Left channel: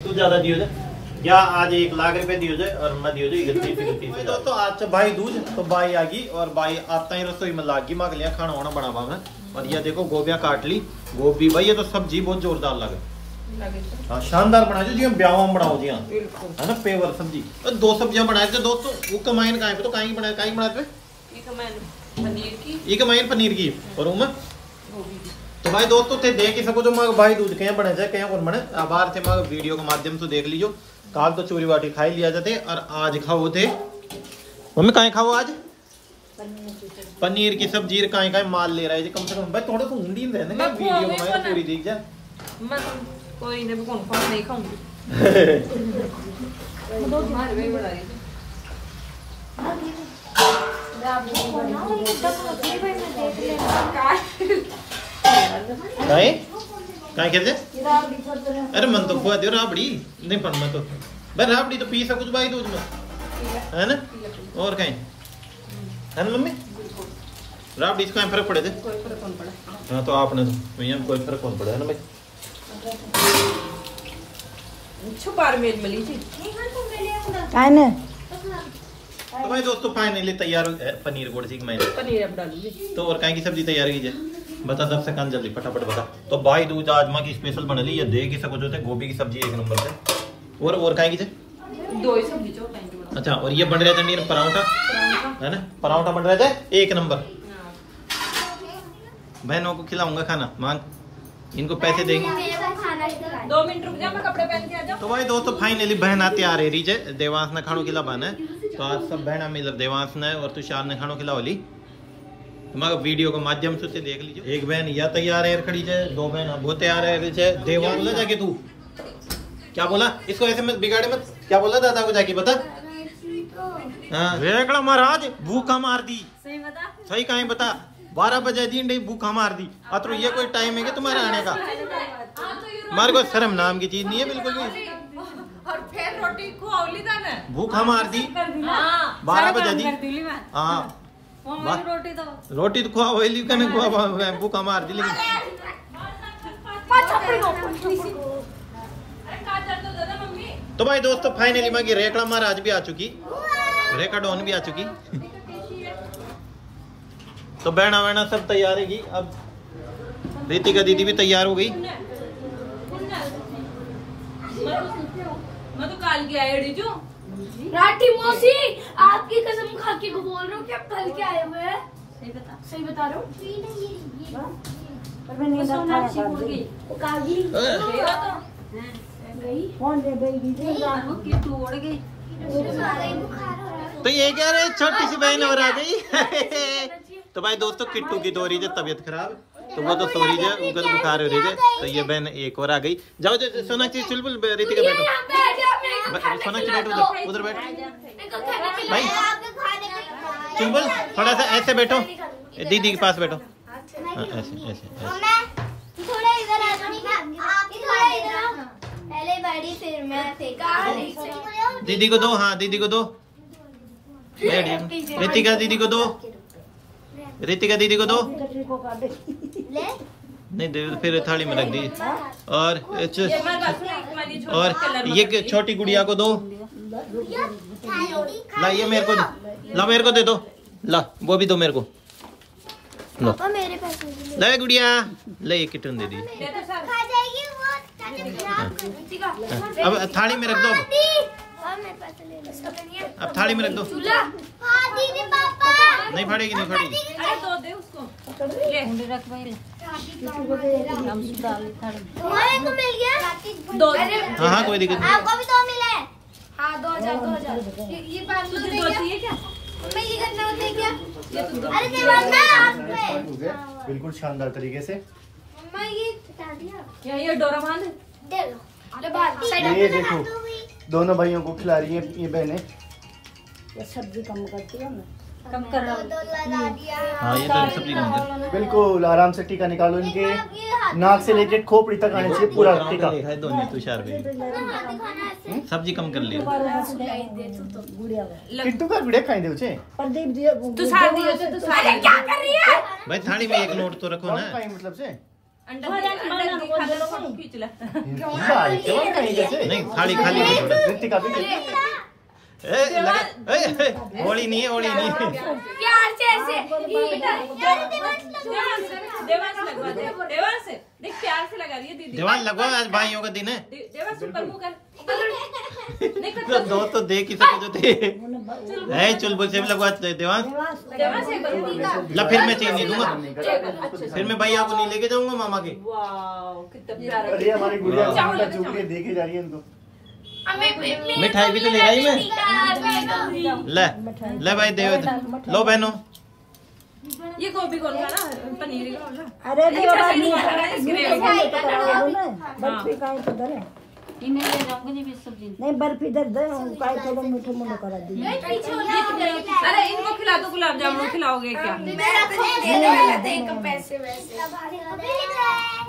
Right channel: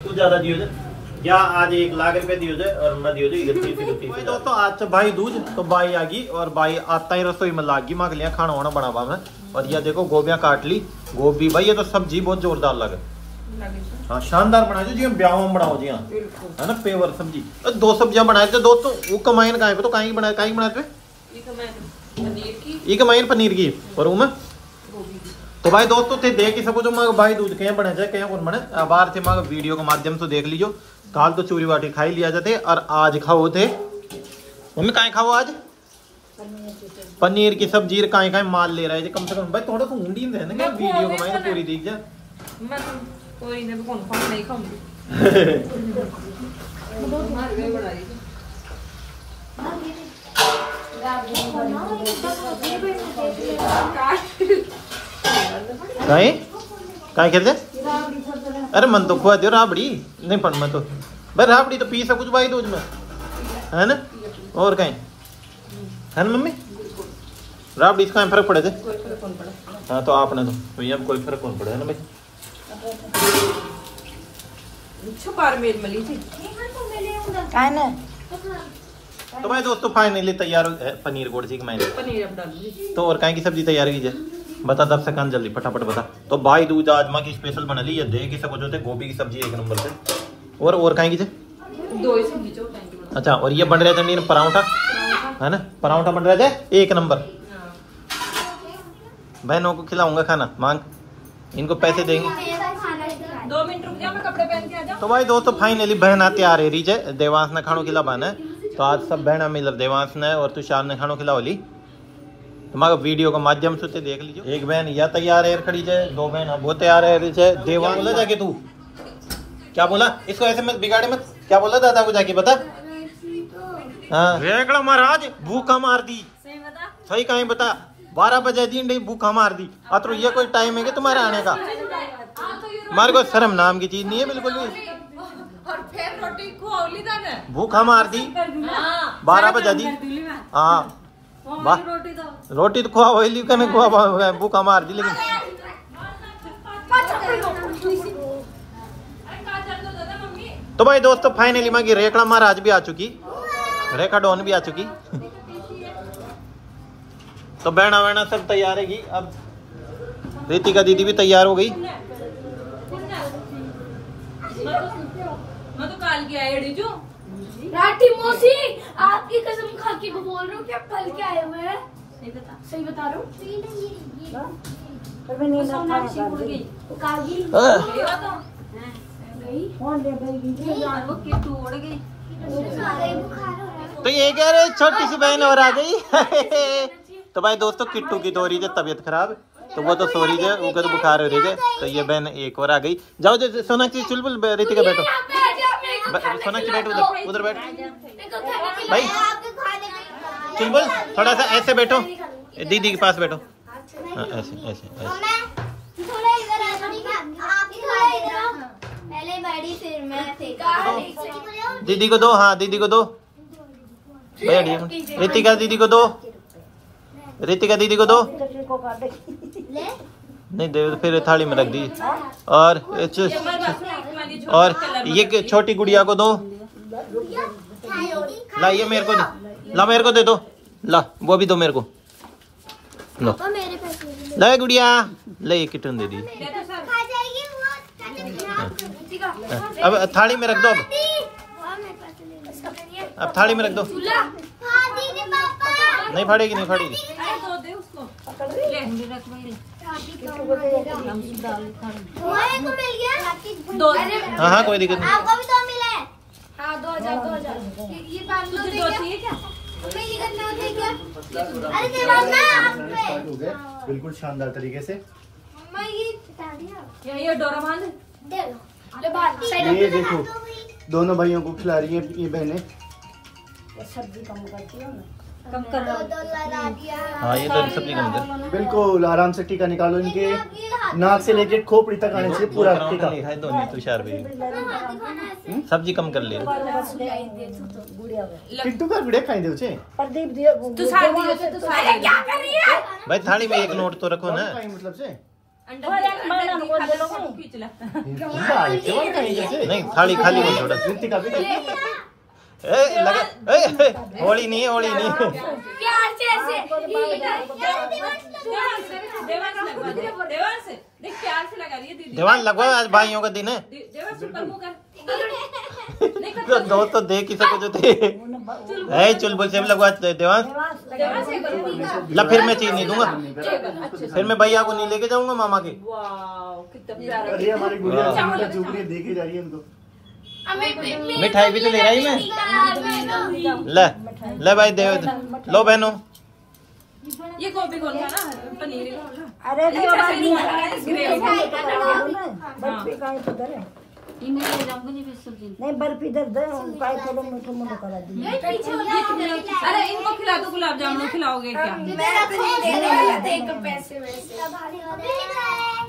तू ज्यादा दियो जे या आज 1 लाख रुपए दियो जे और मैं दियो जे 31 दोस्तों आज से भाई दूज तो भाई आ गई और भाई आता ही रसोई में लाग गई मग लिया खाना वाना बनावा में। और ये देखो गोभियां काट ली गोभी भाई ये तो सब्जी बहुत जोरदार लगे हाँ शानदार बनाई जी ब्याह में बनाओ जी हाँ है ना पेवर सब्जी तो 2 सब्जियां बनाए थे दोस्तों वो कमाइन का तो कहीं बनाए पनीर की और मैं तो भाई दोस्तों थे देख ही सको जो मग भाई दूध कहीं बने जाए कहीं कौन बने बाहर से मग वीडियो के माध्यम से देख लीजिए काल तो चूरी बाटी खाई लिया जाते और आज खाओ थे मम्मी कहीं खाओ आज पनीर की सब्जी कहीं कहीं माल ले रहे कम से कम भाई थोड़ा तो ऊंडी रहने वीडियो में पूरी देख जाए मैं कोई नहीं कौन नहीं खाऊंगी नहीं काय खेलते अरे मन तो खुआ दो राबड़ी नहीं पढ़ मैं तो भाई राबड़ी तो पी सब कुछ भाई रोज में है ना और कहीं है ना मम्मी राबड़ी इसका फर्क पड़े थे हाँ तो आपने तो भैया कोई फर्क कौन पड़े है ना भाई छुपार मेल मिली थी तो भाई दोस्तों फाइनली तैयार हो पनीर गोड़ सी मैंने पनीर अब डालूंगी तो और कहीं की सब्जी तैयार की जाए बता 10 सेकंड जल्दी फटाफट बता। तो भाई दूध आज माँ की स्पेशल बना ली ये देख ही सको जो थे गोभी की सब्जी 1 नंबर से और कहीं की थे 2 ही सब्जी जो अच्छा और ये बन रहे थे पराठा है ना पराठा बन रहे थे 1 नंबर बहनों को खिलाऊंगा खाना मांग इनको पैसे देंगे 2 मिनट रुक जा मैं कपड़े पहन के आ जाऊं। तो भाई दोस्तों फाइनली बहन आते आ रही है देवांश ने खानों खिलावाना है तो आज सब बहना मिल देवांश ने और तुषार ने खानों खिलावली तुम्हारा वीडियो के माध्यम से देख लीजिए। एक बहन या तैयार है खड़ी है 2 बहन वो तैयार है देवांश बोला जाके तू क्या बोला इसको ऐसे मत बिगाड़े मत क्या बोला दादा को जाके बता हाँ रेकड़ा महाराज भूखा मार दी सही कहीं बता 12 बजे दिन भूखा मार दी अतरो ये कोई टाइम है कि तुम्हारा आने का हमारे को शर्म नाम की चीज नहीं है बिल्कुल भी और फिर रोटी खुआवली था ना भूखा मार दी 12 बजे दी हाँ रोटी तो खुआ वही कने खुआ भूखा मार दी लेकिन तो भाई दोस्तों फाइनली मांगी रेखा महाराज भी आ चुकी रेखा डॉन भी आ चुकी तो बहना वहना सब तैयार है अब रितिका दीदी भी तैयार हो गई मैं तो काल की आई जो राठी मौसी आपकी कसम खा के को बोल रहा हूँ कि आप कल के आए हुए हैं सही बता रहा हूँ तो ये कह रहे छोटी सी बहन और आ गई तो भाई दोस्तों किट्टू की तो रही है तबीयत खराब तो वो तो सो रही है वो तो बुखार हो रही है तो ये बहन एक और आ गई जाओ सोनाक्षी चुलबुल रितिका बैठो सोनाक्षी बैठो उधर बैठ भाई चुलबुल थोड़ा सा ऐसे बैठो दीदी के पास बैठो हाँ, ऐसे ऐसे दीदी को दो हाँ दीदी को दो रितिका दीदी को दो रितिका दीदी को दो नहीं दे फिर थाली में रख दी और ये छोटी गुड़िया को दो ला ये मेरे को ला मेरे को दे दो ला वो भी दो मेरे को लो ला गुड़िया ले ये किटन दे दी अब थाली में रख दो अब थाली में रख दो नहीं फाड़ेगी नहीं फाड़ेगी हाँ हाँ कोई दिक्कत नहीं आपको भी 2 मिले हाँ 2000 ये 500 चाहिए क्या ये करना होता है क्या अरे देवांना बिल्कुल शानदार तरीके से मम्मा ये हटा दिया ये डोरा बांध दे लो अरे बात ये देखो दोनों भाइयों को खिला रही है ये बहनें सब्जी कम करती है कम कर हाँ ये तो सब्जी कम कर बिल्कुल आराम से टीका निकालो इनके नाक से लेके खोपड़ी तक आने से पूरा टीका दोनों तुषार भाई सब्जी कम कर लिया किट्टू का वीडियो खाई दे उसे तू सार दियो तो सारे क्या कर रही है भाई थाली में 1 नोट तो रखो ना मतलब से अंडा दिखा दे ना वो खींच ले। नहीं थाली खाली नहीं छोड़ा। होली नहीं है, होली नहीं है। प्यार से ऐसे देवांश लगवा दे, देवांश देख प्यार से लगा रही है दीदी। देवांश लगवा, आज भाइयों का दिन है। देवांश ऊपर मुंह कर। तो दो तो देख ही सको जो थे। है चुलबुल से भी लगवा दे देवांश। देवांश ये करो। ला फिर मैं चीज नहीं दूंगा, फिर मैं भैया को नहीं लेके जाऊंगा मामा के। वाओ कितना प्यारा। अरे हमारी गुड़िया चुगली देखे जा रही है उनको। मिठाई भी तो ले रही मैं। ले भाई दे लो बहनों। ये गोभी कौन खाना, पनीर का ना। अरे नहीं बर्फी दर दे मीठा मुंह करा दी। अरे इनको खिला दो, गुलाब जामुन खिलाओगे क्या?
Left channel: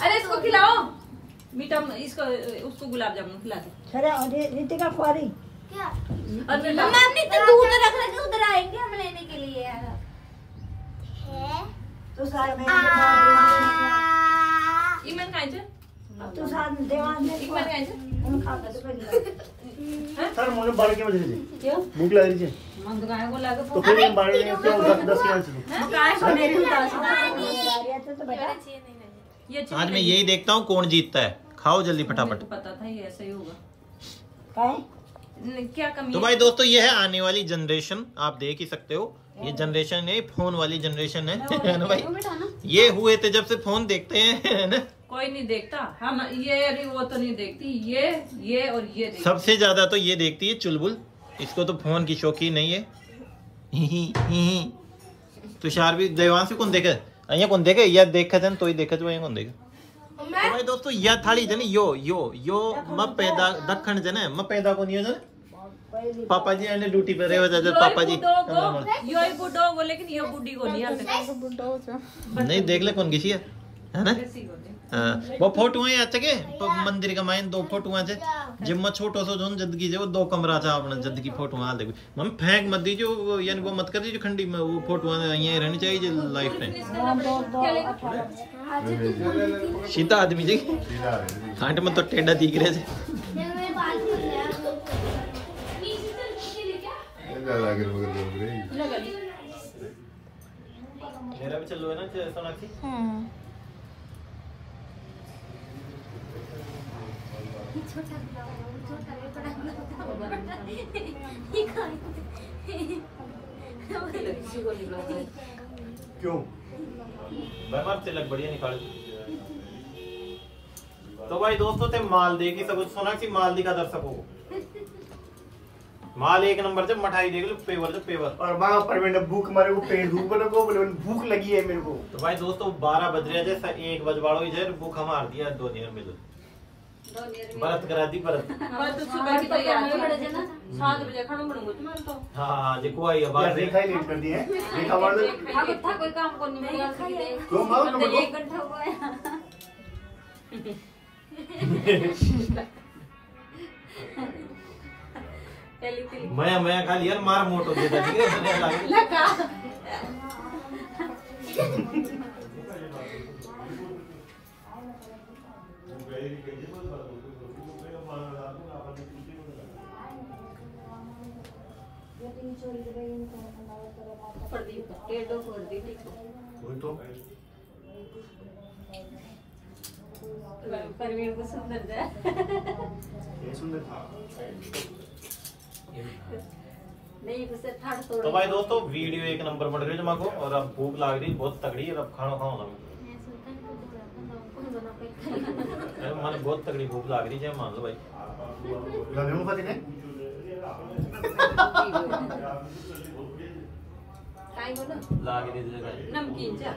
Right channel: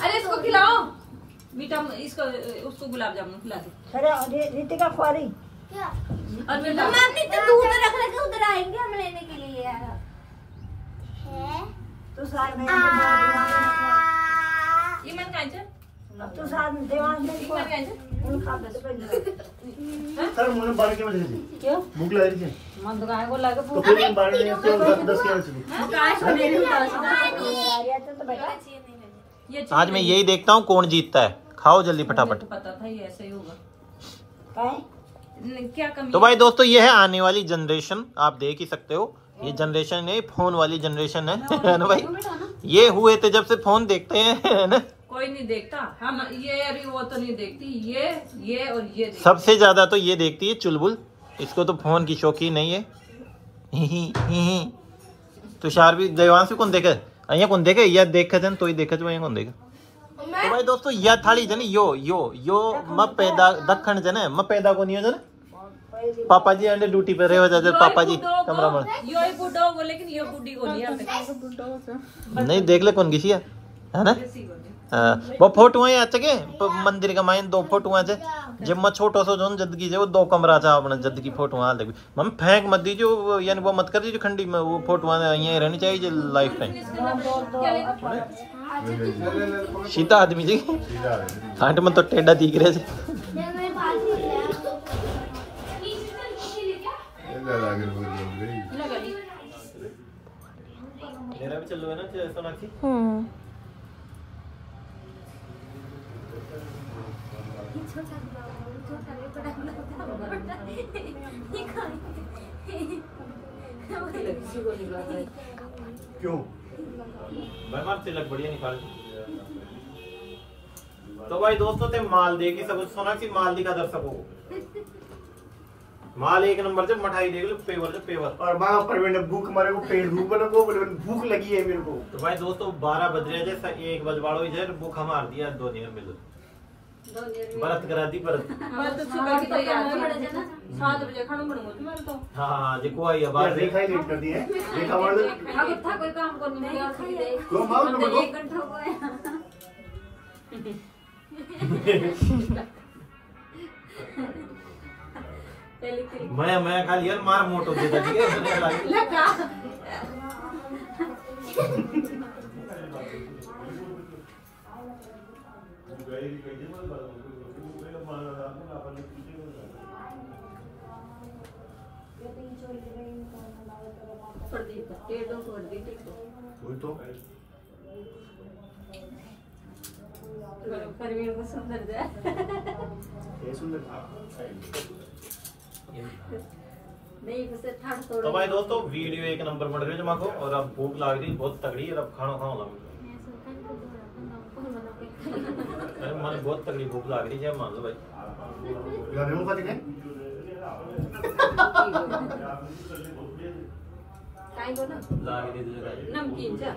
अरे इसको खिलाओ मीठा, इसको उसको गुलाब जामुन खिला दो। अरे रितिका खुआरी और फिर मैम ने तो दूध रख लगे, उधर आएंगे हम लेने के लिए यार। तो सार में इमन खाए छे, तो सार देवान में इमन खाए छे। उनका तो सर मुझे बाल के वजह से क्यों भूख लग रही है मन दुकान को लगे तो फिर बाल में तो 10 के आंसू काय सुने ये आज मैं यही देखता हूँ कौन जीतता है। खाओ जल्दी फटाफट। पता था ये ऐसे ही होगा। काय क्या कमी तो भाई दोस्तों ये है आने वाली जनरेशन, आप देख ही सकते हो। ये जनरेशन है, फोन वाली जनरेशन है ना भाई। ये हुए थे जब से फोन देखते हैं, है ना। कोई नहीं देखता, हम ये अभी वो तो नहीं देखती, ये और ये देखती। सबसे ज्यादा तो ये देखती है चुलबुल, इसको तो फोन की शौकीन नहीं है। तुषार भी, देवांश भी कौन देखे અહીંયા કોણ દેખે યા દેખે છે ને તોય દેખે છે અહીંયા કોણ દેખે। તો ભાઈ દોસ્તો યા થાળી છે ને यो म पैदा दखण છે ને म पैदा કોની છે ને पापाजी अंडे ड्यूटी पे रहे जाते पापाजी कमरा में यो ही बुड्ढो वो, लेकिन यो बुड्ढी को नहीं आता। नहीं देख ले कौन किसी है ना। वो फोटो है अच्छा के मंदिर का माइन 2 फोटो है जब मैं छोटो सो जो जदगी वो 2 कमरा था अपना जद की फोटो हाल देख मम्मी फेंक मत दीजिए, यानी वो मत कर दीजिए खंडी में, वो फोटो यहीं रहनी चाहिए लाइफ टाइम। सीधा आदमी जी हाट में तो टेढ़ा दिख रहे थे। मेरा भी चलो है ना सोनाक्षी। क्यों भाई तिलक बढ़िया निकाले। तो भाई दोस्तों ते माल देगी सब सोनाक्षी माल दिखा दर सको माल एक नंबर से मिठाई देख लो पेवर से पेवर। और माँ परवीन भूख मारे को पेट भूख बोलो को बोलो भूख लगी है मेरे को। तो भाई दोस्तों 12 बज रहे जैसा 1 बजवाड़ो ही जाए भूख हमार दिया 2 देर में बरत करा दी बरत। सुबह की तैयारी 7 बजे खाना बनूंगा तुम्हारे तो। हाँ जी कोई आवाज रेखा ही लेट कर दी है। रेखा मार दो था कोई काम को नहीं क्यों मार दो 1 घंटा हुआ है। मैं खाली यार मार मोटो देता ठीक है लगा परवीन को सुंदर जाए ये सुंदर नहीं जैसे ठाड़ तोड़। तो भाई दोस्तों वीडियो 1 नंबर बन रही है जमा को और अब भूख लग रही बहुत तगड़ी है। अब खाना खाओ मन बहुत तगड़ी भूख लग रही है मान लो भाई। गाने में फटे काय बोला लागे दे दे नमकीन जा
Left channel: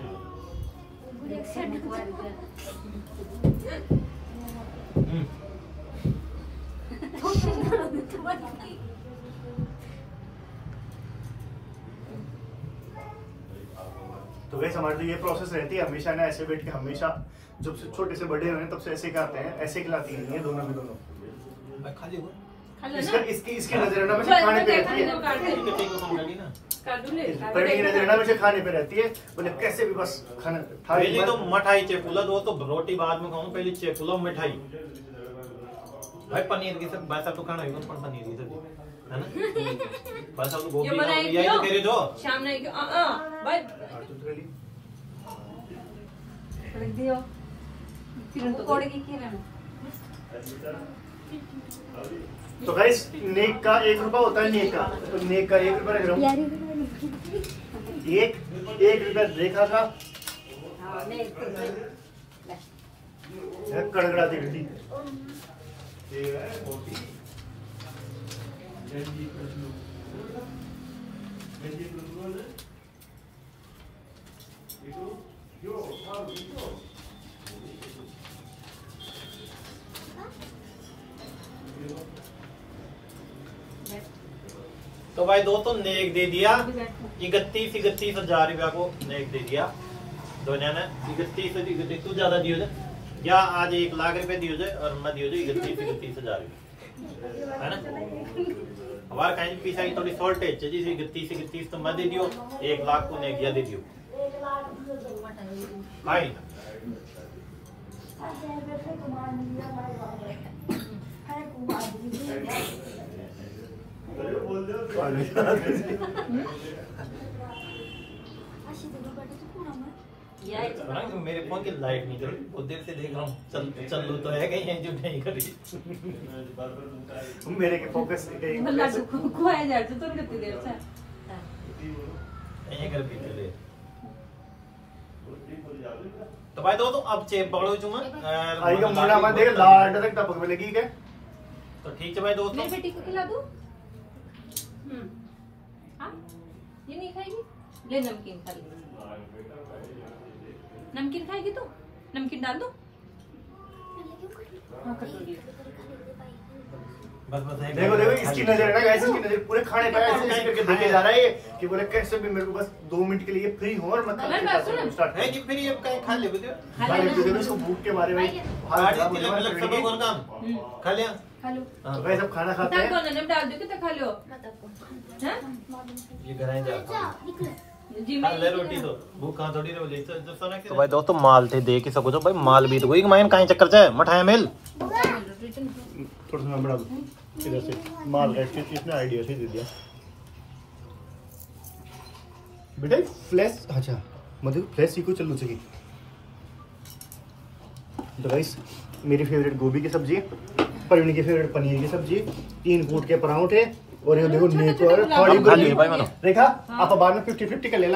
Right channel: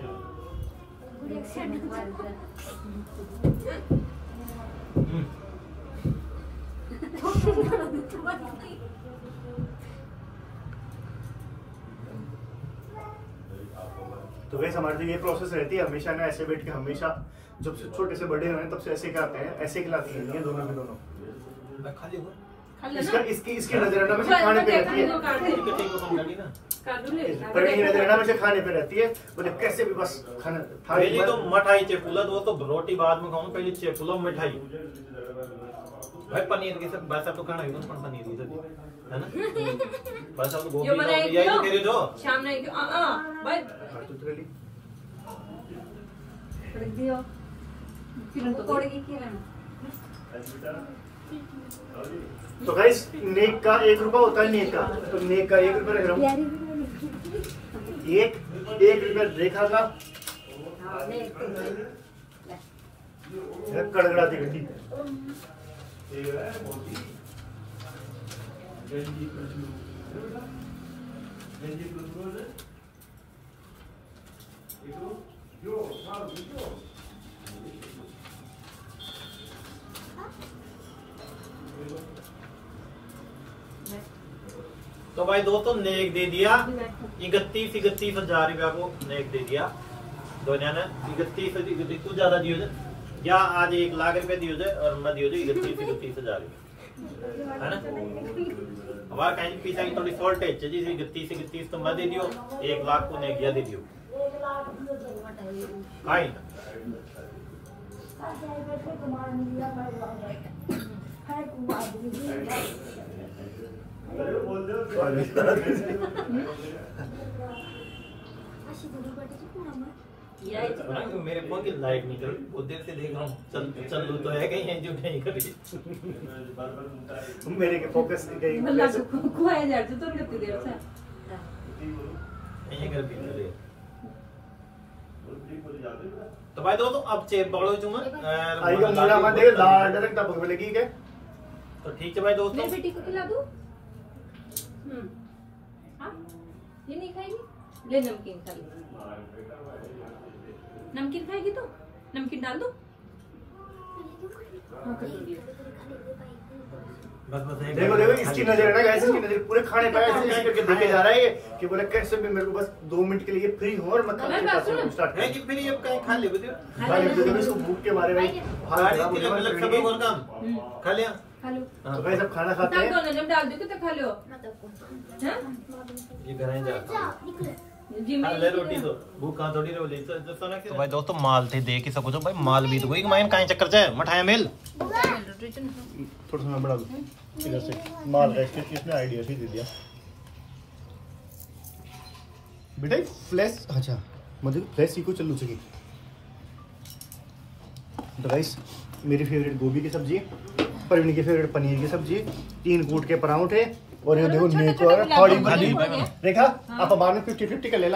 तो वैसे हमारे तो ये प्रोसेस रहती है हमेशा ना, ऐसे बैठ के हमेशा जब से छोटे से बड़े हुए तब से ऐसे करते हैं, ऐसे खिलाती हैं ये दोनों के दोनों। मैं खा लियो इसकी नजर हमेशा खाने पे रहती है। प्रवीण की नजर हमेशा खाने पे रहती है। बोले कैसे भी बस खाना पहले तो मठाई चेपुला दो तो रोटी बाद में खाऊं, पहले चेपुला मिठाई भाई। पनीर की सब बात तो खाना है कौन पनीर की सब्जी है ना बस अब गोभी यही तो कह रहे जो शाम नहीं भाई रख दियो फिर तो कोड़े की खेलना। तो गाइस नेक का 1 रुपया होता है, नेक का तो नेक का 1 रुपया रख रहा हूँ। 1 रुपया रेखा का कड़कड़ाती गड्डी। तो भाई दोस्तों नेक दे दिया 31,000 रुपया को नेक दे दिया दो जाने 31 तू ज्यादा दियो जे या आज 1 लाख रुपए दियो जे और मैं दियो जे 31,000 रुपया है ना। हमारा कहीं पीछा की थोड़ी शॉर्टेज है जी 31 तो मैं दे दियो 1 लाख को नेक दिया दे दियो आई ना। मेरे फोन की लाइट नहीं चल बहुत देर से देख रहा हूँ चल तो है कहीं जो नहीं कर रही मेरे के फोकस खोया जा तो कितनी देर से यहीं कर भी चले। तो भाई दोस्तों अब चेप पकड़ो चुमा आएगा मोड़ा मत देख लाड तक टपक में लगी के तो ठीक है भाई दोस्तों। मेरी बेटी को खिला दूं हाँ ये नहीं खाएगी ले नमकीन खा ली नमकीन खाएगी तो नमकीन डाल दो बस देखो देखो इसकी नजर है ना गाइस, इसकी नजर पूरे खाने पे ऐसे करके देखे जा रहा है ये कि बोले कैसे भी मेरे को बस 2 मिनट के लिए फ्री हो और मैं खाना स्टार्ट है कि फिर ये कहीं खा ले बदे भाई देखो इसको भूख के मारे भाई हाल खराब हो गया मतलब सब और काम खा लिया खा लो तो गाइस सब खाना खाते हैं डाल दो डाल दो कितना खा लो हैं ये कराएं जा जी मैं ले रोटी तो भूख कहां थोड़ी रहो ले तो सोना के भाई दोस्तों माल थे देख ही सको तो भाई माल भी तो कोई माइन काहे चक्कर से मठाया मिल थोड़ा सा बढ़ा दो इधर से माल का इसने आइडिया से दे दिया बेटा फ्लैश अच्छा मतलब फ्लैश सीखो चलू सकी। तो गाइस मेरी फेवरेट गोभी की सब्जी है, प्रवीण की फेवरेट पनीर की सब्जी, 3 कूट के पराठे और ये देखो नेक और थोड़ी रेखा आप बाद में 50-50 कर लेना।